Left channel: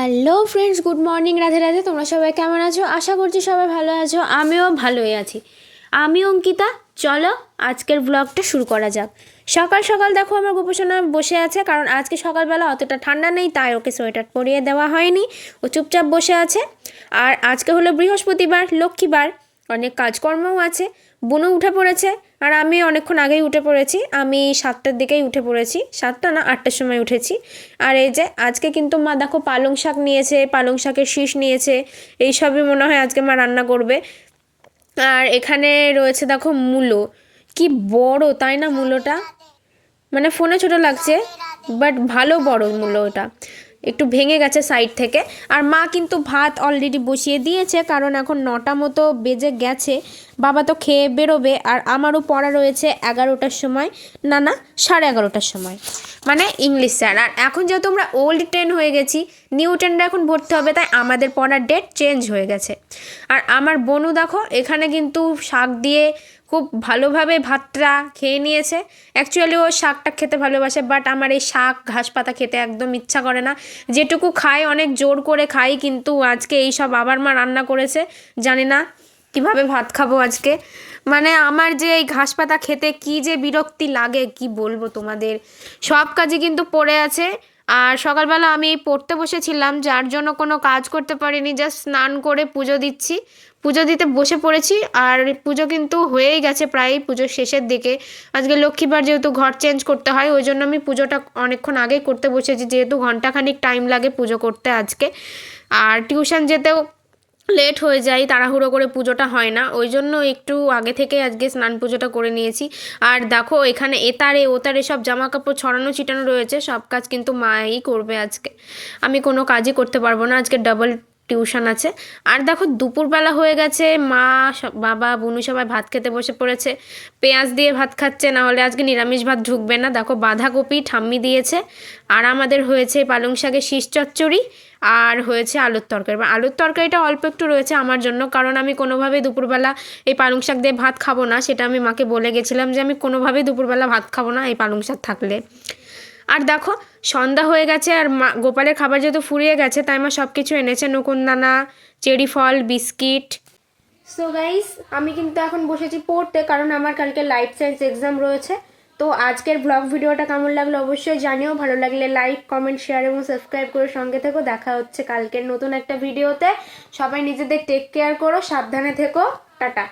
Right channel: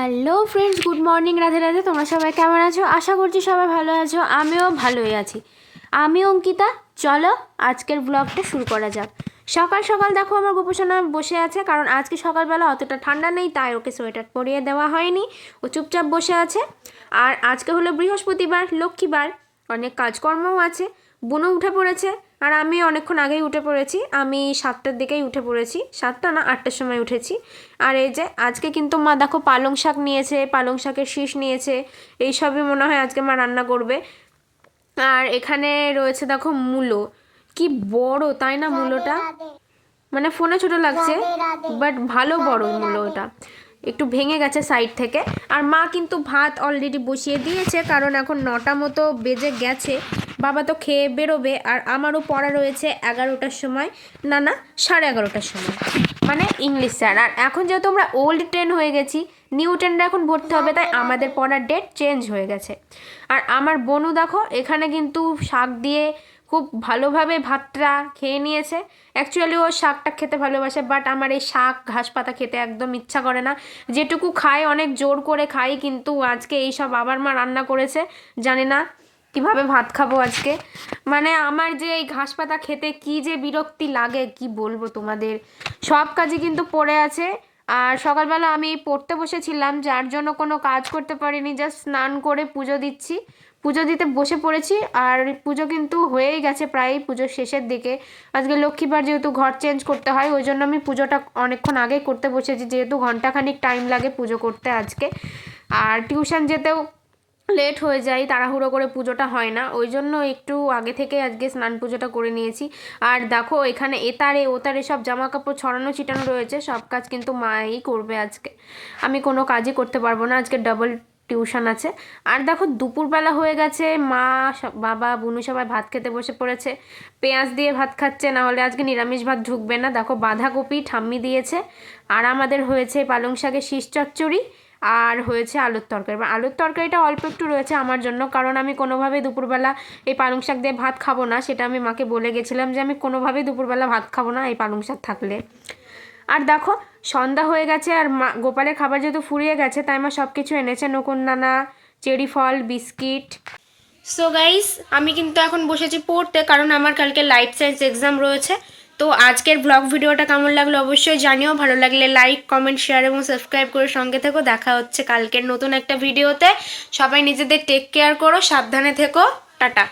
Hello friends, good morning. Radhe Radhe. তোমরা সবাই কেমন আছো? আশা করছি সবাই ভালো আছো। আমিও ভালোই আছি। আমি অঙ্কিতা। চলো আজকের ব্লগটা শুরু করা যাক। সকাল সকাল দেখো আমার গোপোষণা বসে আছে, কারণ আজকে সকালবেলা অতটা ঠান্ডা নেই, তাই ওকে সোয়েটার পরিয়ে দেওয়া হয়নি। ও চুপচাপ বসে আছে। আর আজকে হলো বৃহস্পতিবার, লক্ষ্মীবার, অনেক কাজকর্মও আছে। বুনু উঠে পড়েছে, আর আমি অনেকক্ষণ আগেই উঠে পড়েছি। আমি 7টার দিকেই উঠে পড়েছি, 7টা না 8টার সময় উঠেছি। আর এই যে আজকে কিন্তু মা দেখো পালং শাক নিয়েছে, পালং শাকের শীষ নিয়েছে। এই সবই মনে হয় আজকে মা রান্না করবে। আর এখানে রয়েছে দেখো মূলো, কি বড় তাই না মূলোটা? মানে ফোনে ছোট লাগছে, বাট ভালো বড় মূলো ওটা, একটু ভেঙে গেছে সাইড থেকে। আর মা কিন্তু ভাত অলরেডি বসিয়ে দিয়েছে, কারণ এখন 9টা মতো বেজে গেছে। বাবা তো খেয়ে বেরোবে, আর আমারও পড়া রয়েছে 11টার সময়, না 11:30টার সময়, মানে ইংলিশ স্যার। আর এখন যেহেতু আমরা ওল্ড ট্রেন হয়ে গেছি, নিউ ট্রেনটা এখন ভর্তি হবে, তাই আমাদের পড়ার ডেট চেঞ্জ হয়ে গেছে। আর আমার বোনও দেখো এখানে কিন্তু শাক দিয়ে খুব ভালোভাবে ভাতটা খেয়ে নিয়েছে। অ্যাকচুয়ালি ও শাকটা খেতে ভালোবাসে, বাট আমার এই শাক ঘাস পাতা খেতে একদম ইচ্ছা করে না। যেটুকু খাই অনেক জোর করে খাই, কিন্তু আজকে এই সব আবার মা রান্না করেছে, জানি না কিভাবে ভাত খাবো আজকে। মানে আমার যে এই ঘাস পাতা খেতে কি যে বিরক্তি লাগে, কি বলবো তোমাদের। সব কাজই কিন্তু পড়ে আছে। আর সকালবেলা আমি পড়তে বসেছিলাম, যার জন্য কোনো কাজ করতে পারিনি, জাস্ট স্নান করে পুজো দিচ্ছি, পুজো দিতে বসে পড়েছি। আর পুজো কিন্তু হয়েই গেছে প্রায়, পুজোর শেষের দিকে। আজকে লক্ষ্মীবার, যেহেতু ঘর চেঞ্জ করতে হয়, ওই জন্য আমি পুজোটা অনেকক্ষণ আগে করতে বসেছি, যেহেতু ঘন্টাখানিক টাইম লাগে পুজো করতে আজকে। আর টিউশন যেতেও লেট হয়ে যায়, তাড়াহুড়ো করে পুজোটা হয় না, ওই জন্য একটু আগে থেকে আজকে স্নান পুজোটা করে নিয়েছি। আর দেখো এখানে এতারে ওতারে সব জামা কাপড় ছড়ানো ছিটানো রয়েছে, সব কাজ কিন্তু মাই করবে আজকে। আমি কোনো কাজই করতে পারবো না, আজকে ডাবল টিউশন আছে। আর দেখো দুপুরবেলা হয়ে গেছে, মা বাবা বুনু সবাই ভাত খেতে বসে পড়েছে। পেঁয়াজ দিয়ে ভাত খাচ্ছে, না হলে আজকে নিরামিষ ভাত ঢুকবে না। দেখো বাঁধাকপি ঠাম্মি দিয়েছে। আর আমাদের হয়েছে পালং শাকের শীষ চচ্চড়ি, আর হয়েছে আলুর তরকারি। আলুর তরকারিটা অল্প একটু রয়েছে আমার জন্য, কারণ আমি কোনোভাবেই দুপুরবেলা এই পালং শাক দিয়ে ভাত খাবো না। সেটা আমি মাকে বলে গেছিলাম যে আমি কোনোভাবেই দুপুরবেলা ভাত খাবো না এই পালং শাক থাকলে। আর দেখো সন্ধ্যা হয়ে গেছে, আর মা গোপালের খাবার যেহেতু ফুরিয়ে গেছে, তাই মা সব কিছু এনেছে, নকুনদানা, চেরি ফল, বিস্কিট। সো গাইস, আমি কিন্তু এখন বসেছি পড়তে, কারণ আমার কালকে লাইফ সায়েন্স এক্সাম রয়েছে। তো আজকের ব্লগ ভিডিওটা কেমন লাগলো অবশ্যই জানিও। ভালো লাগলে লাইক, কমেন্ট, শেয়ার এবং সাবস্ক্রাইব করে সঙ্গে থেকো। দেখা হচ্ছে কালকের নতুন একটা ভিডিওতে। সবাই নিজেদের টেক কেয়ার করো, সাবধানে থেকো। টাটা।